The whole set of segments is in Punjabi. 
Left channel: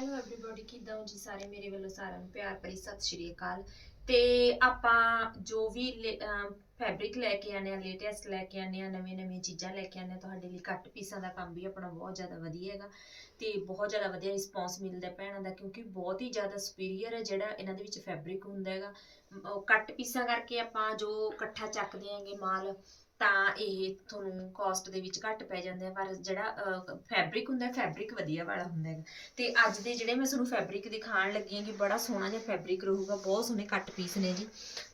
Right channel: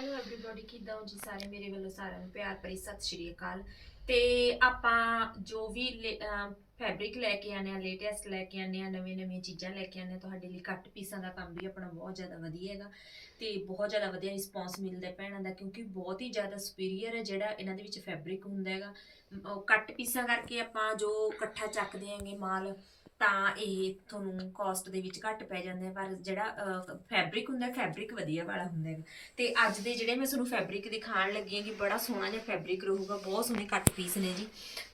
ਹੈਲੋ ਐਵਰੀਬਾਡੀ ਕਿਦਾਂ ਹੋ ਜੀ ਸਾਰੇ? ਮੇਰੇ ਵੱਲੋਂ ਸਾਰਿਆਂ ਨੂੰ ਪਿਆਰ ਭਰੀ ਸਤਿ ਸ਼੍ਰੀ ਅਕਾਲ। ਤੇ ਆਪਾਂ ਜੋ ਵੀ ਫੈਬਰਿਕ ਲੈ ਕੇ ਆਨੇ ਆ ਲੇਟੈਸਟ ਲੈ ਕੇ ਆਨੇ ਆ ਨਵੇਂ ਨਵੇਂ ਚੀਜ਼ਾਂ ਲੈ ਕੇ ਆਨੇ ਆ ਤੁਹਾਡੇ ਲਈ ਕੱਟ ਪੀਸਾਂ ਦਾ ਕੰਮ ਵੀ ਆਪਣਾ ਬਹੁਤ ਜ਼ਿਆਦਾ ਵਧੀਆ ਹੈਗਾ। ਤੇ ਬਹੁਤ ਜ਼ਿਆਦਾ ਵਧੀਆ ਰਿਸਪੌਂਸ ਮਿਲਦਾ ਭੈਣਾਂ ਦਾ, ਕਿਉਂਕਿ ਬਹੁਤ ਹੀ ਜ਼ਿਆਦਾ ਸੁਪੀਰੀਅਰ ਹੈ ਜਿਹੜਾ ਇਹਨਾਂ ਦੇ ਵਿੱਚ ਫੈਬਰਿਕ ਹੁੰਦਾ ਹੈਗਾ। ਕੱਟ ਪੀਸਾਂ ਕਰਕੇ ਆਪਾਂ ਜੋ ਇਕੱਠਾ ਚੱਕਦੇ ਆਂਗੇ ਮਾਲ ਤਾਂ ਇਹ ਤੁਹਾਨੂੰ ਕਾਸਟ ਦੇ ਵਿੱਚ ਘੱਟ ਪੈ ਜਾਂਦੇ ਆ ਪਰ ਜਿਹੜਾ ਫੈਬਰਿਕ ਹੁੰਦਾ ਫੈਬਰਿਕ ਵਧੀਆ ਵਾਲਾ ਹੁੰਦਾ ਹੈਗਾ ਤੇ ਅੱਜ ਦੇ ਜਿਹੜੇ ਮੈਂ ਤੁਹਾਨੂੰ ਫੈਬਰਿਕ ਦਿਖਾਉਣ ਲੱਗੀ ਹਾਂ ਕਿ ਬੜਾ ਸੋਹਣਾ ਜਿਹਾ ਫੈਬਰਿਕ ਰਹੂਗਾ, ਬਹੁਤ ਸੋਹਣੇ ਕੱਟ ਪੀਸ ਨੇ ਜੀ।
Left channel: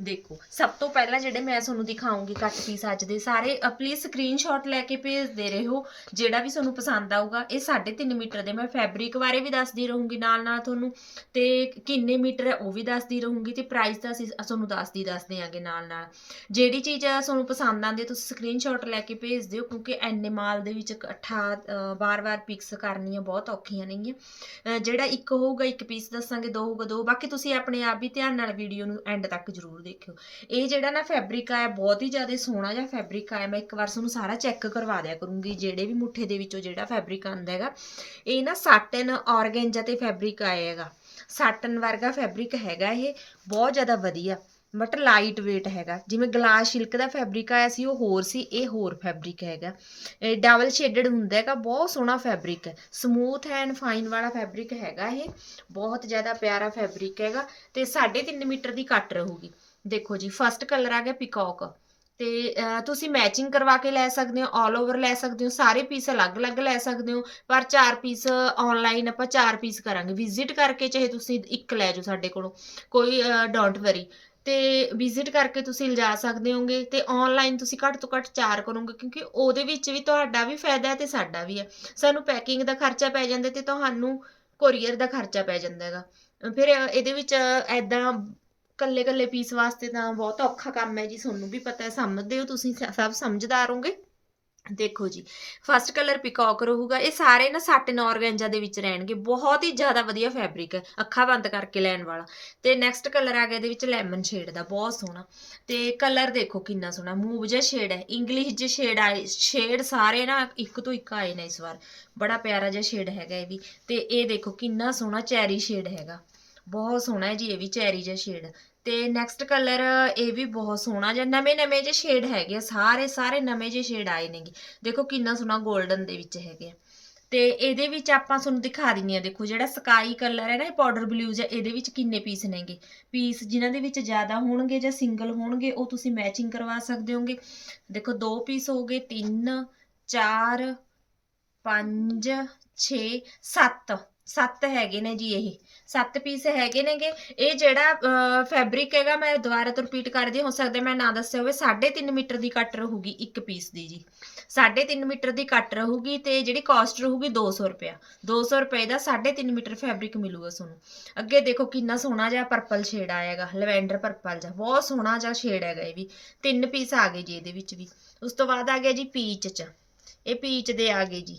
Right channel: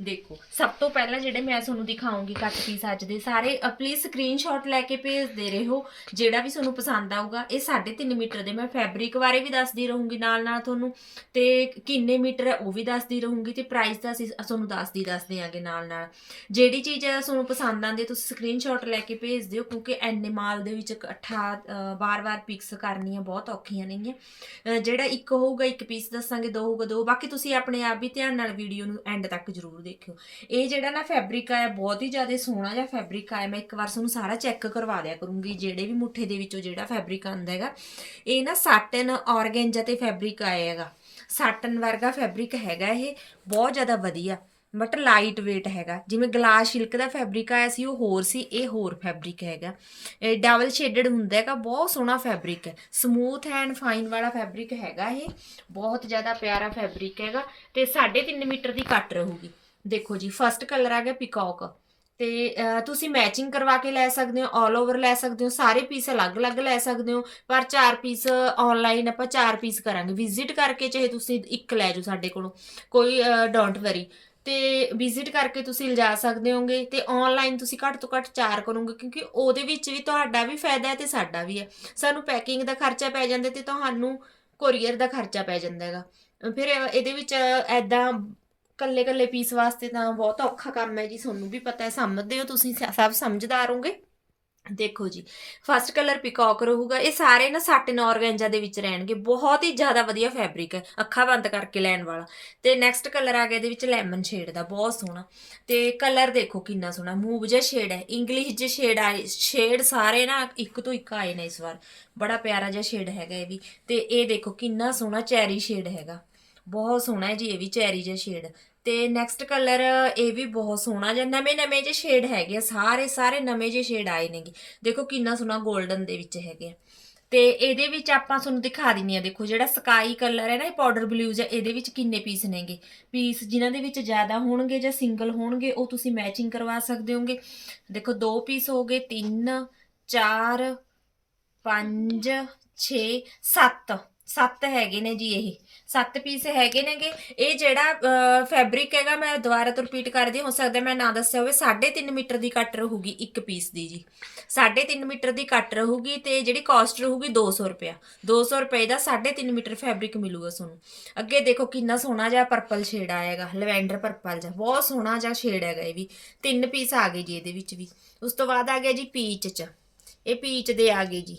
ਦੇਖੋ, ਸਭ ਤੋਂ ਪਹਿਲਾਂ ਜਿਹੜੇ ਮੈਂ ਤੁਹਾਨੂੰ ਦਿਖਾਉਂਗੀ ਕੱਟ ਪੀਸ ਅੱਜ ਦੇ, ਸਾਰੇ ਪਲੀਜ਼ ਸਕਰੀਨਸ਼ਾਟ ਲੈ ਕੇ ਭੇਜਦੇ ਰਹੋ। ਜਿਹੜਾ ਵੀ ਤੁਹਾਨੂੰ ਪਸੰਦ ਆਊਗਾ, ਇਹ 3.5 ਮੀਟਰ ਦੇ, ਮੈਂ ਫੈਬਰਿਕ ਬਾਰੇ ਵੀ ਦੱਸਦੀ ਰਹੂੰਗੀ ਨਾਲ ਨਾਲ ਤੁਹਾਨੂੰ। ਤੇ ਕਿੰਨੇ ਮੀਟਰ ਹੈ, ਉਹ ਵੀ ਦੱਸਦੀ ਰਹੂੰਗੀ। ਤੇ ਪ੍ਰਾਈਸ ਦਾ ਅਸੀਂ ਤੁਹਾਨੂੰ ਦੱਸਦੀ ਦੱਸਦੇ ਆਂਗੇ ਨਾਲ ਨਾਲ ਜਿਹੜੀ ਚੀਜ਼ ਤੁਹਾਨੂੰ ਪਸੰਦ ਆਂਦੀ ਤੁਸੀਂ ਸਕਰੀਨਸ਼ਾਟ ਲੈ ਕੇ ਭੇਜ ਦਿਓ, ਕਿਉਂਕਿ ਐਨੇ ਮਾਲ ਦੇ ਵਿੱਚ ਇਕੱਠਾ ਵਾਰ-ਵਾਰ ਪਿਕਸ ਕਰਨੀਆਂ ਬਹੁਤ ਔਖੀਆਂ ਨੇਗੀਆਂ। ਜਿਹੜਾ ਇੱਕ ਹੋਊਗਾ, ਇੱਕ ਪੀਸ ਦੱਸਾਂਗੇ, ਦੋ ਹੋਊਗਾ, ਦੋ। ਬਾਕੀ ਤੁਸੀਂ ਆਪਣੇ ਆਪ ਵੀ ਧਿਆਨ ਨਾਲ ਵੀਡੀਓ ਨੂੰ ਐਂਡ ਤੱਕ ਜ਼ਰੂਰ ਦੇਖਿਓ। ਇਹ ਜਿਹੜਾ ਨਾ ਫੈਬਰਿਕ ਆ ਬਹੁਤ ਹੀ ਜ਼ਿਆਦਾ ਸੋਹਣਾ ਜਿਹਾ ਫੈਬਰਿਕ ਆ। ਮੈਂ ਇੱਕ ਵਾਰ ਤੁਹਾਨੂੰ ਸਾਰਾ ਚੈੱਕ ਕਰਵਾ ਦਿਆ ਕਰੂੰਗੀ, ਜਿਹੜੇ ਵੀ ਮੁੱਠੇ ਦੇ ਵਿੱਚੋਂ ਜਿਹੜਾ ਫੈਬਰਿਕ ਆਂਦਾ ਹੈਗਾ। ਇਹ ਨਾ ਸਾਟਨ ਔਰਗੈਂਜਾ ਤੇ ਫੈਬਰਿਕ ਆਇਆ ਹੈਗਾ। ਸਾਟਨ ਵਰਗਾ ਫੈਬਰਿਕ ਹੈਗਾ ਇਹ। ਬਹੁਤ ਜ਼ਿਆਦਾ ਵਧੀਆ। ਬਟ ਲਾਈਟ weight ਹੈਗਾ। ਜਿਵੇਂ ਗਲਾਸ ਸਿਲਕ ਦਾ ਫੈਬਰਿਕ ਆਇਆ ਸੀ, ਉਹ ਹੋਰ ਸੀ, ਇਹ ਹੋਰ ਫੈਬਰਿਕ ਹੈਗਾ। ਇਹ ਡਬਲ ਸ਼ੇਡਡ ਹੁੰਦਾ ਹੈਗਾ, ਬਹੁਤ ਸੋਹਣਾ ਫੈਬਰਿਕ ਹੈ। ਸਮੂਥ ਐਂਡ ਫਾਈਨ ਵਾਲਾ ਫੈਬਰਿਕ ਹੈਗਾ ਇਹ। ਬਹੁਤ ਜ਼ਿਆਦਾ ਪਿਆਰਾ ਫੈਬਰਿਕ ਹੈਗਾ। ਤੇ 3.5 ਮੀਟਰ ਦੀ ਕੱਟ ਰਹੂਗੀ। ਦੇਖੋ ਜੀ ਫਰਸਟ ਕਲਰ ਆ ਗਿਆ ਪਿਕੌਕ ਤੇ ਤੁਸੀਂ ਮੈਚਿੰਗ ਕਰਵਾ ਕੇ ਲੈ ਸਕਦੇ ਹੋ 올 ਓਵਰ ਲੈ ਸਕਦੇ ਹੋ, ਸਾਰੇ ਪੀਸ ਅਲੱਗ-ਅਲੱਗ ਲੈ ਸਕਦੇ ਹੋ। ਪਰ ਚਾਰ ਪੀਸ ਆਨਲਾਈਨ ਆਪਾਂ ਚਾਰ ਪੀਸ ਕਰਾਂਗੇ। ਵਿਜ਼ਿਟ ਕਰਕੇ ਚਾਹੇ ਤੁਸੀਂ ਇੱਕ ਲੈ ਜਾਓ ਸਾਡੇ ਕੋਲੋਂ। ਕੋਈ ਡੋਂਟ ਵਰੀ ਤੇ ਵਿਜ਼ਿਟ ਕਰਕੇ ਤੁਸੀਂ ਲਿਜਾ ਸਕਦੇ ਹੋਗੇ ਤੇ ਆਨਲਾਈਨ ਤੁਸੀਂ ਘੱਟ ਤੋਂ ਘੱਟ ਚਾਰ ਕਰੋਗੇ, ਕਿਉਂਕਿ ਉਹਦੇ ਵਿੱਚ ਵੀ ਤੁਹਾਡਾ ਵੀ ਫਾਇਦਾ ਹੈ ਤੇ ਸਾਡਾ ਵੀ ਹੈ। ਸਾਨੂੰ ਪੈਕਿੰਗ ਦਾ ਖਰਚਾ ਪੈ ਜਾਂਦਾ ਤੇ ਤੁਹਾਨੂੰ ਕੋਰੀਅਰ ਦਾ ਖਰਚਾ ਪੈ ਜਾਂਦਾ ਹੈਗਾ। ਫਿਰ ਇਹਦੇ ਵਿੱਚ ਐਦਾਂ ਕੱਲੇ ਕੱਲੇ ਪੀਸ ਵਾਸਤੇ ਤਾਂ ਬਹੁਤ ਔਖਾ ਕੰਮ ਹੈ ਜੀ, ਤੁਹਾਨੂੰ ਵੀ ਪਤਾ ਹੈ, ਸਮਝਦੇ ਹੋ ਤੁਸੀਂ ਸਭ ਸਮਝਦਾਰ ਹੋਗੇ। ਦੇਖੋ ਜੀ ਫਸਟ ਕਲਰ ਪਿਕੌਕ ਰਹੂਗਾ, ਇਹ ਸਾਰੇ ਨਾ ਸਾਟਨ ਔਰਗੈਂਜਾ ਦੇ ਵਿੱਚ ਰਹਿਣਗੇ, ਬਹੁਤ ਹੀ ਜ਼ਿਆਦਾ ਵਧੀਆ ਫੈਬਰਿਕ ਹੈ, ਅੱਖਾਂ ਬੰਦ ਕਰਕੇ ਲੈਣ ਵਾਲਾ। ਤੇ ਨੈਕਸਟ ਕਲਰ ਆ ਗਿਆ ਇਹਦੇ ਵਿੱਚ ਲੈਮਨ ਸ਼ੇਡ ਦਾ, ਬਹੁਤ ਸੋਹਣਾ। ਤੇ ਕਲਰ ਦੇਖੋ ਕਿੰਨਾ ਸੋਹਣਾ ਮੂਵ ਜਿਹਾ ਸ਼ੇਡ ਹੈ ਇੰਗਲਿਸ਼ ਜਿਹਾ ਸ਼ੇਡ ਆਏ ਸ਼ੇਡ ਸਾਰੇ ਨਾ ਇੱਕ ਤੋਂ ਇੱਕ ਆਏ ਨੇ ਇਸ ਵਾਰ। ਬੜਾ ਪਿਆਰਾ ਜਿਹਾ ਸ਼ੇਡ ਹੈਗਾ ਇਹ ਵੀ। ਤੇ ਇਹ ਦੇਖੋ ਕਿੰਨਾ ਸੋਹਣਾ ਚੈਰੀ ਸ਼ੇਡ ਹੈਗਾ। ਬਹੁਤ ਸੋਹਣਾ ਹੈ ਜੀ, ਇਹ ਵੀ ਚੈਰੀ ਜਿਹਾ ਸ਼ੇਡ ਤੇ ਨੈਕਸਟ ਕਲਰ ਇਹ ਵੀ ਬਹੁਤ ਸੋਹਣਾ ਜਿਹਾ ਨਵੇਂ ਨਵੇਂ ਜਿਹੇ ਸ਼ੇਡ ਹੈਗੇ ਆ, ਸਾਰੇ ਸਾਰੇ ਨਵੇਂ ਜਿਹੇ ਸ਼ੇਡ ਆਏ ਨੇਗੇ। ਦੇਖੋ ਕਿੰਨਾ ਸੋਹਣਾ 골ਡਨ ਦੇ ਵਿੱਚ ਹੈਗੇ ਆ। ਤੇ ਇਹਦੇ ਵਿੱਚ ਆਪਾਂ ਤੁਹਾਨੂੰ ਦਿਖਾ ਦਿੰਨੀ ਆ ਦੇਖੋ ਜਿਹੜਾ ਸਕਾਈ ਕਲਰ ਹੈ ਨਾ ਇਹ ਪਾਊਡਰ ਬਲੂਜ਼ ਹੈ ਇਹਦੇ ਵਿੱਚ ਕਿੰਨੇ ਪੀਸ ਨੇਗੇ। ਪੀਸ ਜਿਨ੍ਹਾਂ ਦੇ ਵਿੱਚ ਜ਼ਿਆਦਾ ਹੋਣਗੇ ਜਾਂ ਸਿੰਗਲ ਹੋਣਗੇ ਉਹ ਤੁਸੀਂ ਮੈਚਿੰਗ ਕਰਵਾ ਸਕਦੇ ਹੋਗੇ। ਦੇਖੋ ਦੋ ਪੀਸ ਹੋ ਗਏ 3 4 5 6 7 ਸੱਤ ਹੈਗੇ ਨੇ ਜੀ ਇਹ, ਸੱਤ ਪੀਸ ਹੈਗੇ ਨੇਗੇ। ਇਹ ਜਿਹੜਾ ਫੈਬਰਿਕ ਹੈਗਾ, ਮੈਂ ਦੁਬਾਰਾ ਤੋਂ ਰਿਪੀਟ ਕਰਦੀ ਹੋ ਸਕਦਾ ਮੈਂ ਨਾ ਦੱਸਿਆ ਹੋਵੇ 3.5 ਮੀਟਰ ਦੀ ਕੱਟ ਰਹੂਗੀ ਇੱਕ ਪੀਸ ਦੀ ਜੀ। 3.5 ਮੀਟਰ ਦੀ ਕੱਟ ਰਹੂਗੀ ਤੇ ਜਿਹੜੀ ਕਾਸਟ ਰਹੂਗੀ 200 ਰੁਪਿਆ 200 ਰੁਪਏ ਦਾ 3.5 ਮੀਟਰ ਫੈਬਰਿਕ ਮਿਲੂਗਾ ਤੁਹਾਨੂੰ। ਅੱਗੇ ਦੇਖੋ ਕਿੰਨਾ ਸੋਹਣਾ ਜਿਹਾ ਪਰਪਲ ਸ਼ੇਡ ਆਏਗਾ ਲਵੈਂਡਰ ਪਰਪਲ ਜਿਹਾ, ਬਹੁਤ ਸੋਹਣਾ ਜਿਹਾ ਸ਼ੇਡ ਹੈਗਾ ਇਹ ਵੀ। ਤਿੰਨ ਪੀਸ ਆ ਗਏ ਜੀ ਇਹਦੇ ਵਿੱਚ ਵੀ। ਉਸ ਤੋਂ ਬਾਅਦ ਆ ਗਿਆ ਜੀ ਪੀਚ ਚ। ਇਹ ਪੀਚ ਦੇ ਆ ਗਏ ਜੀ।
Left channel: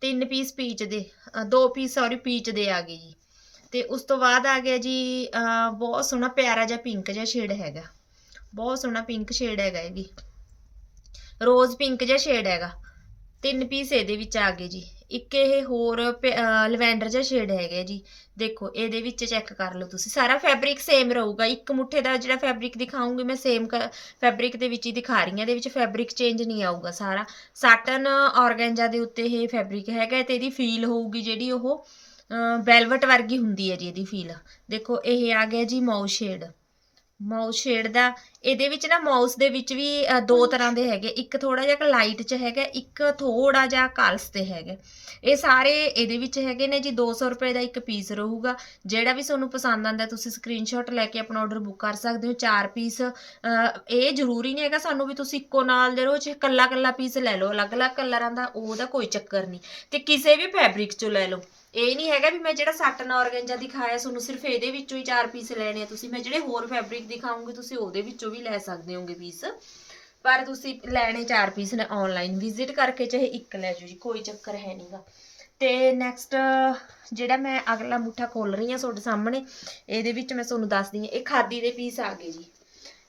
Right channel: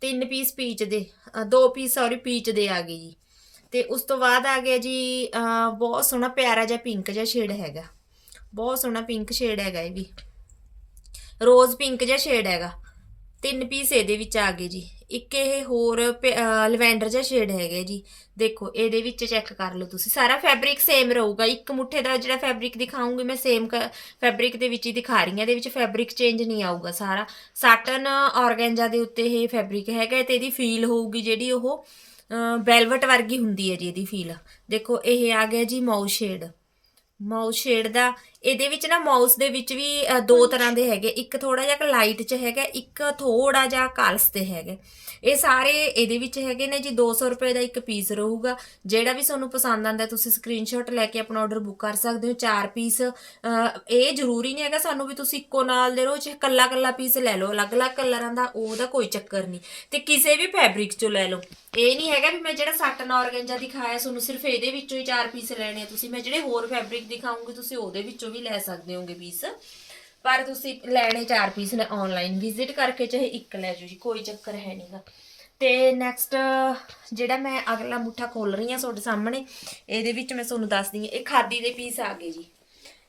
ਤਿੰਨ ਪੀਸ ਪੀਚ ਦੇ ਦੋ ਪੀਸ ਸੌਰੀ ਪੀਚ ਦੇ ਆ ਗਏ ਜੀ। ਤੇ ਉਸ ਤੋਂ ਬਾਅਦ ਆ ਗਿਆ ਜੀ ਬਹੁਤ ਸੋਹਣਾ ਪਿਆਰਾ ਜਿਹਾ ਪਿੰਕ ਜਿਹਾ ਸ਼ੇਡ ਹੈਗਾ। ਬਹੁਤ ਸੋਹਣਾ ਪਿੰਕ ਸ਼ੇਡ ਹੈਗਾ ਇਹ ਵੀ। ਰੋਜ਼ ਪਿੰਕ ਜਿਹਾ ਸ਼ੇਡ ਹੈਗਾ। ਤਿੰਨ ਪੀਸ ਇਹਦੇ ਵਿੱਚ ਆ ਗਏ ਜੀ। ਇੱਕ ਇਹ ਹੋਰ ਲਵੈਂਡਰ ਜਿਹਾ ਸ਼ੇਡ ਹੈਗਾ ਜੀ। ਦੇਖੋ, ਇਹਦੇ ਵਿੱਚ ਚੈੱਕ ਕਰ ਲਓ ਤੁਸੀਂ। ਸਾਰਾ ਫੈਬਰਿਕ ਸੇਮ ਰਹੂਗਾ। ਇੱਕ ਮੁੱਠੇ ਦਾ ਜਿਹੜਾ ਫੈਬਰਿਕ ਦਿਖਾਉਂਗੀ, ਮੈਂ ਸੇਮ ਫੈਬਰਿਕ ਦੇ ਵਿੱਚ ਹੀ ਦਿਖਾ ਰਹੀ ਹਾਂ। ਇਹਦੇ ਵਿੱਚ ਫੈਬਰਿਕ ਚੇਂਜ ਨਹੀਂ ਆਊਗਾ ਸਾਰਾ। ਸਾਟਨ ਔਰਗੈਂਜਾ ਦੇ ਉੱਤੇ ਇਹ ਫੈਬਰਿਕ ਹੈਗਾ ਤੇ ਇਹਦੀ ਫੀਲ ਹੋਊਗੀ ਜਿਹੜੀ ਉਹ ਵੈਲਵਟ ਵਰਗੀ ਹੁੰਦੀ ਹੈ ਜੀ ਇਹਦੀ ਫੀਲ ਦੇਖੋ, ਇਹ ਆ ਗਿਆ ਜੀ ਮਾਊ ਸ਼ੇਡ ਮਾਊ ਸ਼ੇਡ ਦਾ ਇਹਦੇ ਵਿੱਚ ਨਾ ਮਾਊਸ ਦੇ ਵਿੱਚ ਵੀ ਦੋ ਤਰ੍ਹਾਂ ਦੇ ਹੈਗੇ। ਇੱਕ ਥੋੜਾ ਜਿਹਾ ਲਾਈਟ ਚ ਹੈਗਾ ਇੱਕ ਥੋੜਾ ਜਿਹਾ ਕਾਲਸ ਤੇ ਹੈਗਾ। ਇਹ ਸਾਰੇ ਇਹਦੇ ਵਿੱਚ ਹੈਗੇ ਨੇ ਜੀ 200 ਰੁਪਏ ਦਾ ਇੱਕ ਪੀਸ ਰਹੂਗਾ। ਜਿਹੜਾ ਵੀ ਤੁਹਾਨੂੰ ਪਸੰਦ ਆਂਦਾ ਤੁਸੀਂ ਸਕਰੀਨਸ਼ਾਟ ਲੈ ਕੇ ਆਪਣਾ ਆਰਡਰ ਬੁੱਕ ਕਰ ਸਕਦੇ ਹੋ। ਚਾਰ ਪੀਸ ਇਹ ਜ਼ਰੂਰੀ ਨਹੀਂ ਹੈਗਾ ਸਾਨੂੰ ਵੀ ਤੁਸੀਂ ਇੱਕੋ ਨਾਲ ਦੇ ਰੋਜ਼ ਕੱਲਾ ਕੱਲਾ ਪੀਸ ਲੈ ਲਓ। ਅਲੱਗ-ਅਲੱਗ ਕਲਰਾਂ ਦਾ ਉਹਦਾ ਕੋਈ ਚੱਕਰ ਨਹੀਂ। ਤੇ ਕਿਸੇ ਵੀ ਫੈਬਰਿਕ ਚੋਂ ਲੈ ਲਓ। ਇਹ ਨਹੀਂ ਹੈਗਾ ਵੀ ਮੈਂ ਜਿਹੜਾ ਸਾਟਨ ਔਰਗੈਂਜਾ ਦਿਖਾਇਆ ਤੁਹਾਨੂੰ ਸਿਰਫ ਇਹਦੇ ਵਿੱਚੋਂ ਹੀ ਚਾਰ ਪੀਸ ਲੈਣੇ ਆ। ਤੁਸੀਂ ਮੈਂ ਜਿਹੜੇ ਹੋਰ ਫੈਬਰਿਕ ਦਿਖਾਉਂਗੀ ਤੁਸੀਂ ਉਹਦੇ ਵਿੱਚੋਂ ਵੀ ਲੈ ਸਕਦੇ ਹੋਗੇ ਪੀਸ ਪਰ ਤੁਸੀਂ ਲੈਣੇ ਚਾਰ ਪੀਸ ਨੇ ਆਨਲਾਈਨ ਵਿਜ਼ਿਟ ਕਰਕੇ ਚਾਹੇ ਇੱਕ ਲੈ ਜਾਓ ਜੀ, ਕੋਈ ਚੱਕਰ ਹੈ ਨਹੀਂਗਾ ਤੇ ਨੈਕਸਟ ਜਿਹੜਾ ਮੈਂ ਅਗਲਾ ਮੁੱਠਾ ਖੋਲ ਰਹੀ ਹਾਂ ਤੁਹਾਡੇ ਸਾਹਮਣੇ, ਇਹਦੇ ਵਿੱਚ ਮੈਂ ਤੁਹਾਨੂੰ ਦੱਸਦੀ ਹਾਂ, ਇਹ ਖਾਦੀ ਦੇ ਪੀਸ ਆ ਗਏ ਜੀ।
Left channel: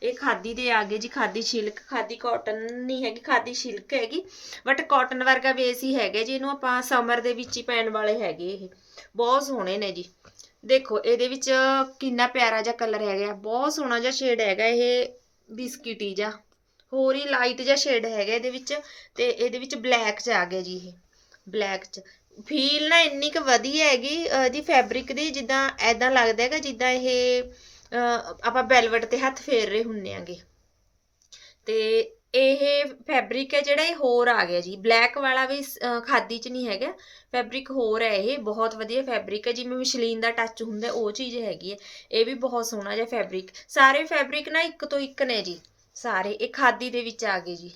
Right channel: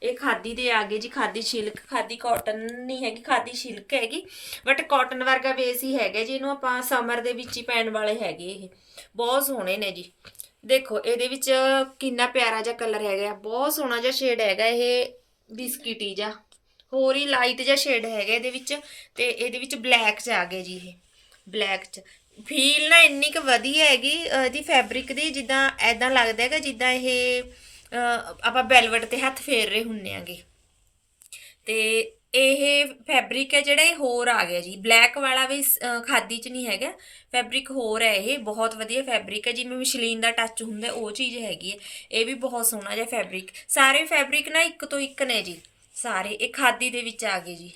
ਇਹ ਖਾਦੀ ਦੇ ਆ ਗਏ ਜੀ, ਖਾਦੀ ਸਿਲਕ, ਖਾਦੀ ਕਾਟਨ ਨਹੀਂ ਹੈਗੀ, ਖਾਦੀ ਸਿਲਕ ਹੈਗੀ ਬਟ ਕਾਟਨ ਵਰਗਾ ਬੇਸ ਹੀ ਹੈਗਾ ਜੀ, ਇਹਨੂੰ ਆਪਾਂ ਸਮਰ ਦੇ ਵਿੱਚ ਹੀ ਪੈਣ ਵਾਲੇ ਹੈਗੇ ਇਹ। ਬਹੁਤ ਸੋਹਣੇ ਨੇ ਜੀ। ਦੇਖੋ, ਇਹਦੇ ਵਿੱਚ ਕਿੰਨਾ ਪਿਆਰਾ ਜਿਹਾ ਕਲਰ ਹੈਗਾ ਬਹੁਤ ਸੋਹਣਾ ਜਿਹਾ ਸ਼ੇਡ ਹੈਗਾ ਇਹ ਬਿਸਕਿਟੀ ਜਿਹਾ। ਹੋਰ ਹੀ ਲਾਈਟ ਜਿਹਾ ਸ਼ੇਡ ਹੈਗਾ ਇਹਦੇ ਵਿੱਚ ਤੇ ਇਹਦੇ ਵਿੱਚ ਬਲੈਕ ਚ ਆ ਗਿਆ ਜੀ ਇਹ ਬਲੈਕ ਚ। ਫੀਲ ਨਾ ਇੰਨੀ ਕੁ ਵਧੀਆ ਹੈਗੀ, ਇਹਦੀ ਫੈਬਰਿਕ ਦੀ, ਜਿੱਦਾਂ ਐਦਾਂ ਲੱਗਦਾ ਹੈਗਾ, ਜਿੱਦਾਂ ਇਹ ਆਪਾਂ ਬੈਲਵਟ ਤੇ ਹੱਥ ਫੇਰ ਰਹੇ ਹੁੰਨੇ ਆਂਗੇ। ਤੇ ਇਹ ਫੈਬਰਿਕ ਹੈ ਜਿਹੜਾ ਇਹ ਹੋਰ ਆ ਗਿਆ ਜੀ। ਬਲੈਕ ਵਾਲਾ ਵੀ ਅਹ, ਖਾਦੀ ਚ ਨਹੀਂ ਹੈਗਾ। ਫੈਬਰਿਕ ਹੋਰ ਹੈ ਇਹ ਬਹੁਤ ਵਧੀਆ ਫੈਬਰਿਕ ਹੈ। ਜਿਵੇਂ ਮਸ਼ਲੀਨ ਦਾ ਟੱਚ ਹੁੰਦਾ ਉਹ ਚੀਜ਼ ਹੈਗੀ ਹੈ। ਇਹ ਵੀ ਬਹੁਤ ਸੋਹਣਾ ਜਿਹਾ ਫੈਬਰਿਕ ਸਾਰੇ ਫੈਬਰਿਕ ਨਾ ਇੱਕ ਤੋਂ ਇੱਕ ਨੇ ਜੀ। ਸਾਰੇ ਇਹ ਖਾਦੀ ਦੇ ਵਿੱਚ ਆ ਗਏ ਜੀ।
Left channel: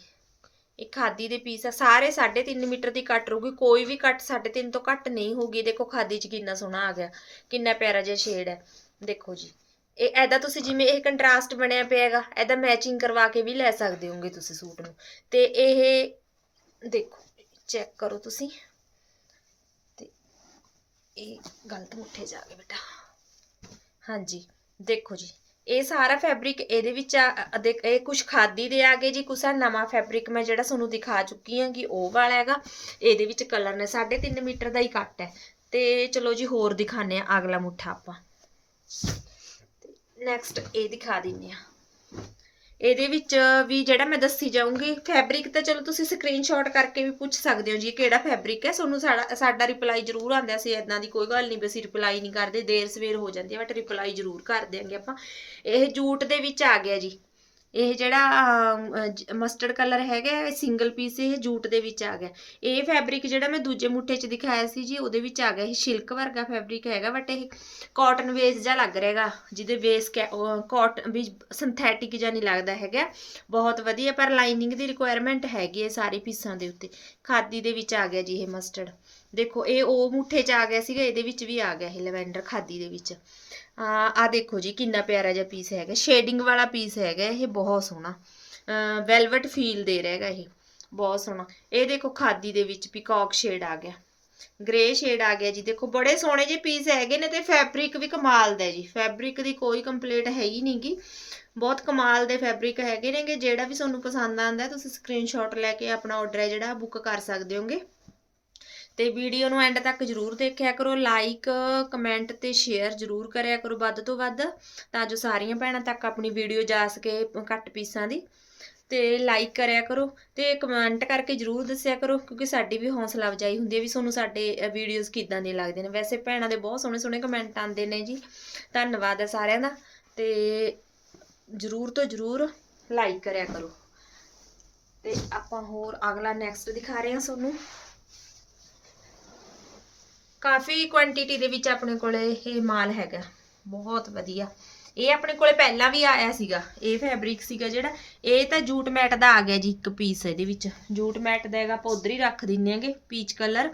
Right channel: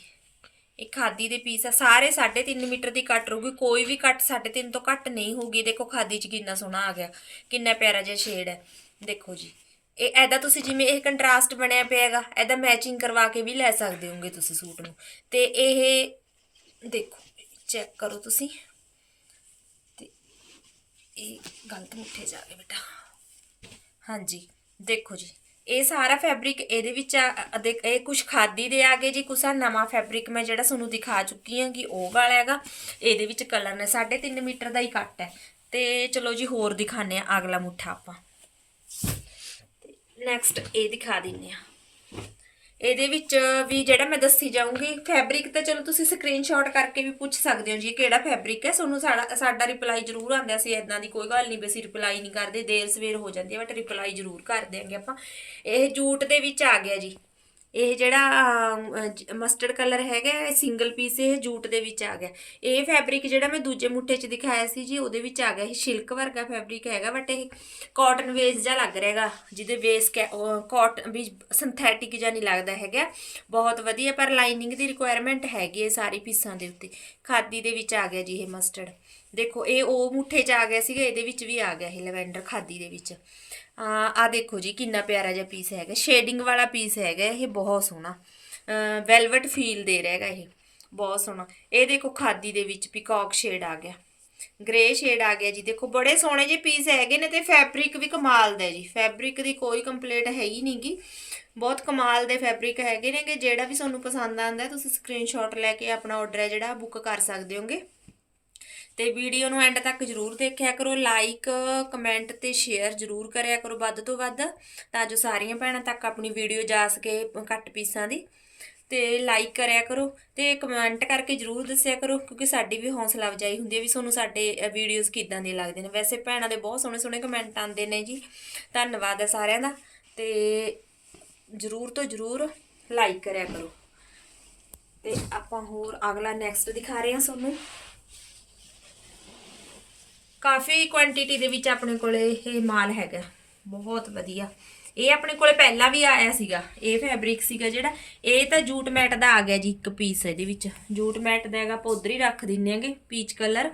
ਇਹ ਖਾਦੀ ਦੇ ਪੀਸ ਆ। ਸਾਰੇ 3.5 ਮੀਟਰ ਦੀ ਕੱਟ ਰਹੂਗੀ। ਕੋਈ ਵੀ ਕੱਟ 3.5 ਤੋਂ ਘੱਟ ਨਹੀਂ ਹੋਊਗੀ। ਦੇਖੋ ਖਾਦੀ ਚ ਕਿੰਨਾ ਸੋਹਣਾ ਆ ਗਿਆ। ਕਿੰਨਾ ਪਿਆਰਾ ਜਿਹਾ ਸ਼ੇਡ ਹੈ। ਦੇਖੋ ਜੀ। ਇਹ ਐਦਾ ਤੁਸੀਂ ਜਿਵੇਂ ਇਹ ਕੰਟਰਾਸਟ ਬਣਿਆ ਪਿਆ ਹੈਗਾ, ਐਦਾ ਮੈਚਿੰਗ ਕਰਵਾ ਕੇ ਵੀ ਲੈ ਸਕਦੇ ਹੋਗੇ ਤੁਸੀਂ ਸੂਟ ਨੂੰ। ਤੇ ਇਹ ਦੇਖੋ ਚੈੱਕ ਕਰੋ ਤੁਸੀਂ। ਤੇ ਇਹ ਗਲਤ ਮੁੱਠੇ ਜਾ ਗਏ ਬੇਟਾ। ਹਾਂਜੀ, ਦੇਖੋ ਜੀ, ਇਹ ਸਾਰਾ ਫੈਬਰਿਕ ਇਹਦੇ ਵਿੱਚ ਆ, ਅ- ਇਹ ਕੁਝ ਖਾਦੀ ਦੇ ਆ ਗਏ ਜੀ, ਕੁਛ ਆ ਨਵਾਂ ਫੈਬਰਿਕ ਮੈਂ ਜਿਹੜਾ ਤੁਹਾਨੂੰ ਦਿਖਾ ਚੁੱਕੀ ਹਾਂ ਕਿ ਉਹ ਵਾਲਾ ਹੈਗਾ। ਇਹਦੇ ਵਿੱਚ ਕਲਰ ਨੇ 3.5 ਮੀਟਰ ਦਾ ਹੀ ਕੱਟ ਹੈ। ਤੇ ਚਲੋ ਜੀ, ਹੋਰ ਦਿਖਾਣੇ ਆ ਅਗਲਾ ਮੁੱਠਾ ਆਪਾਂ। ਨੈਕਸਟ ਇਹ ਦਿਖਾ ਦਿੰਨੇ ਆ ਇਹਦੇ ਵਿੱਚ ਵੀ ਜਿਹੜਾ ਮੈਂ ਦੱਸੀ ਜਾਊਂਗੀ ਫੈਬਰਿਕ ਤੇ ਚਲੋ ਤੁਸੀਂ ਸਕਰੀਨਸ਼ਾਟ ਕਰਕੇ ਵੀ ਪੁੱਛ ਸਕਦੇ ਹੋ ਜੀ ਕਿਹੜਾ ਫੈਬਰਿਕ ਹੈ? ਤੁਹਾਨੂੰ ਸਾਡਾ ਸਾਡਾ ਰਿਪਲਾਈ ਜ਼ਰੂਰ ਆਉਂਦਾ ਸੀ ਇਦਾਂ ਦੀ ਕੋਈ ਗੱਲ ਨਹੀਂ ਵੀ ਅਸੀਂ ਰਿਪਲਾਈ ਨਹੀਂ ਕਰਦੇ, ਦੇਰ ਸਵੇਰ ਹੋ ਜਾਂਦੀ ਹੈ ਬਟ ਰਿਪਲਾਈ ਜ਼ਰੂਰ ਕਰ ਦਿਆਂਗੇ ਆਪਾਂ। ਇਹ ਜੂਟ ਦੇ ਵਿੱਚ ਆ ਗਿਆ ਜੀ। ਇਹ ਜਿਹੜਾ ਮਸਟਰਡ ਕਲਰ ਹੈਗਾ ਸਿੰਗਲ ਪੀਸ ਇਹ ਜੂਟ ਦੇ ਵਿੱਚ ਆ ਗਿਆ। ਇਹ ਫੈਬਰਿਕ ਜਿਹੜਾ ਮੈਂ ਦੂਜੇ ਮੁੱਠੇ 'ਚ ਦਿਖਾਇਆ ਸੀ ਜੀ, ਉਹਦੇ ਵਿੱਚ ਆ ਗਿਆ। ਇਹ ਸਿਲਕ ਵਰਗਾ ਫੈਬਰਿਕ ਹੈਗਾ ਬਟ ਇਹ ਕਾਟਨ ਵੇਸ ਜਿਹਾ ਲੱਗ ਰਿਹਾਗਾ, ਜਿਹਦੇ ਵੇਸ ਕਾਟਨ ਵੀ ਸਿੰਥੈਟਿਕ ਜਾਂ ਨਹੀਂ ਲੱਗਦਾ ਹੈਗਾ। ਬਹੁਤ ਵਧੀਆ, ਪਰ ਲਾਈਨਿੰਗ ਦੀ ਰਿਕੁਆਇਰਮੈਂਟ ਹੈਗੀ ਹੈ ਸਾਰੇ ਪੀਸਾਂ ਦੇ ਉੱਤੇ। ਖਾਦੀ ਦੇ ਵਿੱਚ ਆ ਗਿਆ ਜੀ ਇਹ ਮਸਟਰਡ ਦੇਖੋ, ਇਹ ਉਹ ਮੁੱਠੇ 'ਚ ਆ ਗਿਆ ਸੀਗਾ, ਇਹਦੇ ਵਿੱਚ ਵੀ ਆ ਗਿਆ ਇਹ ਲਵੈਂਡਰ ਖਾਦੀ ਦੇ ਵਿੱਚ। ਆ ਦੇਖੋ ਜੀ, ਕਿੰਨਾ ਪਿਆਰਾ ਜਿਹਾ ਪੀਸ ਹੈਗਾ। ਸ਼ੇਡਿੰਗ ਵਾਲਾ ਪੀਸ ਹੈਗਾ, ਇਹ ਬਹੁਤ ਸੋਹਣਾ। ਵੈਲਵਟ ਫੀਲ ਦੇ ਰਿਹਾ ਹੈਗਾ ਇਹ। ਬਹੁਤ ਸੋਹਣਾ। ਇਹ ਦੇਖੋ, ਖਾਦੀ ਦੇ ਵਿੱਚ ਪਿਕੌਕ ਸ਼ੇਡ ਆ ਗਿਆ। ਗ੍ਰੇ ਸ਼ੇਡ ਆ ਗਿਆ ਜੀ। ਦੇਖੋ, ਬੜੇ ਸੋਹਣੇ ਜਿਹੇ ਪੀਸ ਹੈਗੇ ਨੇ ਤੇ ਫੈਬਰਿਕ ਵੀ ਕਮਾਲ ਦਾ ਜੀ। ਫੈਬਰਿਕ ਦੀ ਕੋਈ ਕੰਪਲੇਂਟ ਹੈ ਹੀ ਨਹੀਂਗੀ ਬਹੁਤ ਕਮਾਲ ਦੇ ਫੈਬਰਿਕ ਹੈਗੇ ਨੇਗੇ। ਜਿਹੜਾ ਵੀ ਤੁਹਾਨੂੰ ਪਸੰਦ ਆਉਂਦਾ ਤੁਸੀਂ ਸਕਰੀਨਸ਼ਾਟ ਲੈ ਕੇ ਆਪਣਾ ਆਰਡਰ ਹੈ ਜਿਹੜਾ ਬੁੱਕ ਕਰ ਸਕਦੇ ਹੋਗੇ। ਤੇ ਵੀਡੀਓ ਨੂੰ ਐਂਡ ਤੱਕ ਜਰੂਰ ਦੇਖਿਆ ਕਰੋ ਲਾਈਕ ਕਮੈਂਟ ਤੇ ਸ਼ੇਅਰ ਜਰੂਰ ਕਰਿਆ ਕਰੋ ਵੱਧ ਤੋਂ ਵੱਧ, ਤਾਂ ਜੋ ਸਾਰੀਆਂ ਭੈਣਾਂ ਤੱਕ ਆਪਣੀ ਵੀਡੀਓ ਜਾ ਸਕੇ ਘੱਟ ਪੀਸਾਂ ਦੀ। ਤੇ ਲਾਈਕ ਕਰਿਆ ਕਰੋ ਤੇ ਕਮੈਂਟ ਕਰਕੇ ਜਰੂਰ ਦੱਸਿਆ ਕਰੋ, ਕਿਉਂਕਿ ਸਾਡੀ ਵੀ ਹੌਸਲਾ ਅਫਜਾਈ ਹੁੰਦੀ ਹੈ ਵੀ ਤੁਹਾਨੂੰ ਸਾਡੇ ਵੀਡੀਓਜ਼ ਕਿੱਦਾਂ ਦੇ ਲੱਗਦੇ ਨੇ। ਵੈਸੇ ਭੈਣਾਂ ਦੇ ਬਹੁਤ ਸੋਹਣੇ ਸੋਹਣੇ ਕਮੈਂਟ ਆਉਂਦੇ ਨੇ ਜੀ। ਧੰਨਵਾਦ ਹੈ ਸਾਰਿਆਂ ਦਾ ਤੇ ਜਰੂਰ ਤੋਂ ਜਰੂਰ ਲਾਈਕ ਕਰਿਆ ਕਰੋ। ਤੇ ਆਪਾਂ ਹੋਰ ਅਗਲਾ ਨੈਕਸਟ ਦਿਖਾ ਰਹੇ ਹਾਂ ਤੁਹਾਨੂੰ। ਕਾਫੀ ਕੁਆਂਟੀਟੀ ਦੇ ਵਿੱਚ ਆਪਣੇ ਕੋਲੇ ਇਹ ਮਾਲ ਹੈਗਾ। ਬਹੁਤ ਵਧੀਆ। ਇਹ ਆਪਣੇ ਕੋਲੇ ਪਹਿਲਾਂ ਵੀ ਆਇਆ ਸੀਗਾ। ਇਹ ਫੈਬਰਿਕ ਸੀਗਾ ਜਿਹੜਾ। ਇਹ ਤਾਂ ਜੂਟ ਮੈਟ ਦਾ ਆ ਗਿਆ ਜੀ ਇੱਕ ਪੀਸ ਇਹਦੇ ਵਿੱਚ। ਜੂਟ ਮੈਟ ਦਾ ਹੈਗਾ, ਆਪਾਂ ਹੀ ਰੱਖ ਦਿੰਨੇ ਆਂਗੇ ਪੀਚ ਕਲਰ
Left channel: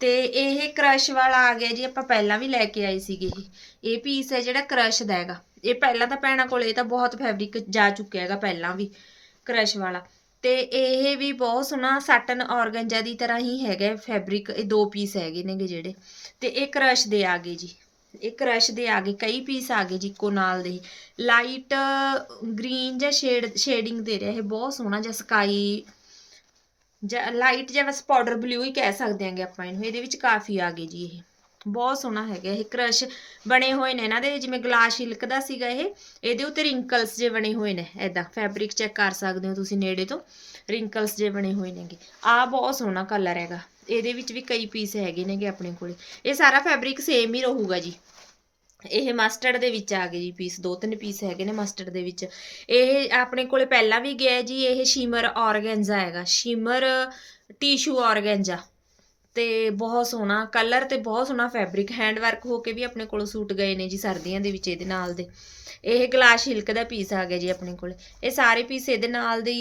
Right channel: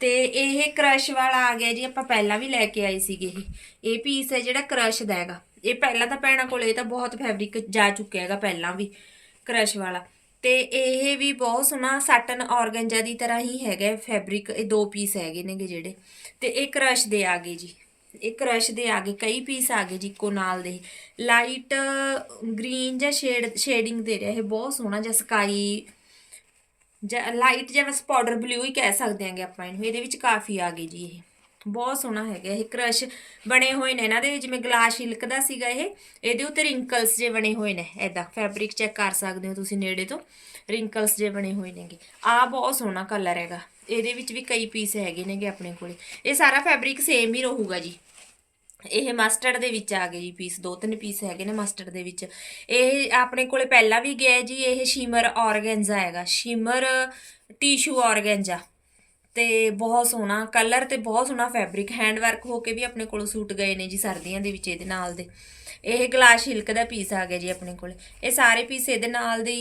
ਤੇ ਇਹ ਕ੍ਰਸ਼ ਵਾਲਾ ਆ ਗਿਆ ਜੀ, ਆਪਾਂ ਪਹਿਲਾਂ ਵੀ ਲੈ ਕੇ ਆਏ ਸੀਗੇ ਇਹ। ਇਹ ਪੀਸ ਹੈ ਜਿਹੜਾ ਕ੍ਰਸ਼ ਦਾ ਹੈਗਾ। ਇਹ ਪਹਿਲਾਂ ਤਾਂ ਭੈਣਾਂ ਕੋਲੇ ਇਹ ਤਾਂ ਬਹੁਤ ਫੈਬਰਿਕ ਜਾ ਚੁੱਕਿਆ ਹੈਗਾ ਪਹਿਲਾਂ ਵੀ। ਕ੍ਰਸ਼ ਵਾਲਾ। ਤੇ ਇਹ ਵੀ ਬਹੁਤ ਸੋਹਣਾ ਸਾਟਨ ਔਰਗੰਜਾ ਦੀ ਤਰ੍ਹਾਂ ਹੀ ਹੈਗਾ ਫੈਬਰਿਕ ਇਹ ਦੋ ਪੀਸ ਹੈਗੇ ਨੇਗੇ ਜਿਹੜੇ। ਤੇ ਇਹ ਕ੍ਰਸ਼ ਦੇ ਆ ਗਏ ਜੀ। ਇਹ ਕ੍ਰਸ਼ ਦੇ ਆ ਗਏ, ਕਈ ਪੀਸ ਆ ਗਏ ਜੀ ਇੱਕੋ ਨਾਲ ਦੇ। ਲਾਈਟ ਗ੍ਰੀਨ ਜਾਂ ਸ਼ੇਡ ਸ਼ੇਡਿੰਗ ਦੇ ਰਿਹਾ ਇਹ, ਬਹੁਤ ਸੋਹਣਾ ਜਿਹਾ ਸਕਾਈ ਜਾਂ ਲਾਈਟ ਜਾਂ ਬਸ ਪਾਊਡਰ ਬਲੂ ਹੀ ਕਹਿ ਸਕਦੇ ਆਂਗੇ ਆਪਾਂ ਇਹਨੂੰ। ਇਹਦੇ ਵਿੱਚ ਕਾਫੀ ਆ ਗਏ ਜੀ ਇਹ। ਬਹੁਤ ਸੋਹਣਾ ਹੈਗਾ ਇਹ ਕ੍ਰਸ਼ ਬਣੇ ਹੋਏ ਨੇ ਇਹਨਾਂ ਦੇ, ਜਿਵੇਂ ਗਲਾਸ ਸ਼ਿਲਕ ਦਾ ਸੀਗਾ ਇਹ, ਇਹਦੇ ਉੱਤੇ ਰਿੰਕਲਸ ਜੇ ਬਣੇ ਹੋਏ ਨੇ ਐਦਾਂ ਫੈਬਰਿਕ ਚੈੱਕ ਕਰ ਸਕਦੇ ਹੋ ਤੁਸੀਂ ਨੇੜੇ ਤੋਂ ਰਿੰਕਲਸ ਜੇ ਬਣੇ ਹੋਏ ਨੇਗੇ। ਆ ਬਹੁਤ ਸੋਹਣਾ ਕਲਰ ਹੈਗਾ, ਇਹਦੇ ਵਿੱਚ ਵੀ ਕਈ ਪੀਸ ਹੈਗੇ ਨੇਗੇ ਆਪਣੇ ਕੋਲੇ। ਇਹ ਸਾਰਾ ਫੈਬਰਿਕ ਸੇਮ ਹੀ ਰਹੂਗਾ ਜੀ। ਇਹ ਮਸਟਰਡ ਦੇ ਵਿੱਚ ਆ ਗਏ ਜੀ ਪੀਸ ਦੋ ਤਿੰਨ ਪੀਸ ਹੈਗੇ ਨੇ ਮਸਟਰਡ ਦੇ ਵਿੱਚ। ਇਹ ਆਪਣੇ ਕੋਲੇ ਪਹਿਲਾਂ ਵੀ ਗਿਆ ਜੀ, ਇਹ ਸ਼ਿਮਰ ਔਰਗੈਂਜਾ ਹੈਗਾ ਸ਼ਿਮਰ ਟਿਸ਼ੂ ਔਰਗੈਂਜਾ ਤੇ ਬਹੁਤ ਸੋਹਣਾ ਕਲਰ ਤੇ ਬਹੁਤ ਸੋਹਣਾ ਫੈਬਰਿਕ ਹੈਂਡ ਵਰਕ ਹੋ ਕੇ ਵੀ ਆਪਣੇ ਕੋਲੋਂ ਸੂਟ ਗਏ ਨੇ ਜੀ ਸਰਦੀਆਂ ਦੇ ਵਿੱਚ ਇਹਦੇ ਨਾਲ ਦੇ। ਇਹ ਗਲਾਸ ਹਿਲਕ ਦਾ ਪੀਸ ਆ ਗਿਆ ਜੀ ਆਪਣੇ ਕੋਲ। ਇਹ ਸਾਰੇ ਪੀਸ ਇਹਦੇ ਨਾਲ ਦੇ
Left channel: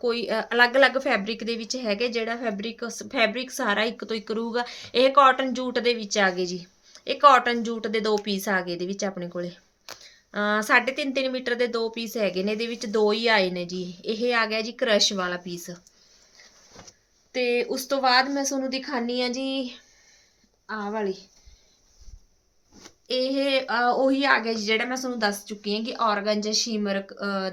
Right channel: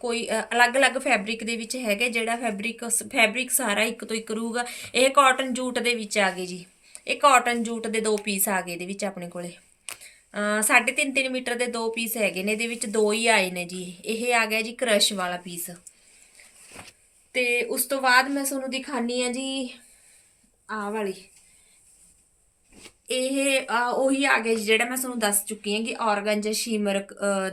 ਕੋਈ ਅਲੱਗ-ਅਲੱਗ ਫੈਬਰਿਕ ਦੇ ਵਿੱਚ ਹੈਗੇ, ਜਿਹੜਾ ਫੈਬਰਿਕ ਫੈਬਰਿਕ ਸਾਰਾ ਇੱਕ ਤੋਂ ਇੱਕ ਰਹੂਗਾ। ਇਹ ਕਾਟਨ ਜੂਟ ਦੇ ਵਿੱਚ ਆ ਗਏ ਜੀ। ਇਹ ਕਾਟਨ ਜੂਟ ਦੇ ਦੋ ਪੀਸ ਆ ਗਏ ਇਹਦੇ ਵਿੱਚ ਆਪਣੇ ਕੋਲੇ। ਅ 3.5 3 ਮੀਟਰ ਦੇ ਦੋ ਪੀਸ ਹੈਗੇ ਨੇ, ਇਹਦੇ ਵਿੱਚ ਦੋ ਹੀ ਆਏ ਨੇ ਜੀ। ਇਹ ਆ ਗਿਆ ਜੀ ਕ੍ਰਸ਼ ਵਾਲਾ ਪੀਸ ਤੇ ਉਸ ਤੋਂ ਬਾਅਦ ਮੈਂ ਤੁਹਾਨੂੰ ਦਿਖਾਨੀ ਆ ਜੀ ਆਹ ਵਾਲੀ। ਇਹ ਉਹੀ ਆ ਗਿਆ ਜੀ ਜਿਹੜਾ ਮੈਂ ਤੁਹਾਨੂੰ ਦੱਸ ਚੁੱਕੀ ਹਾਂ ਕਿ ਔਰਗੰਜਾ ਸ਼ੀਮਰ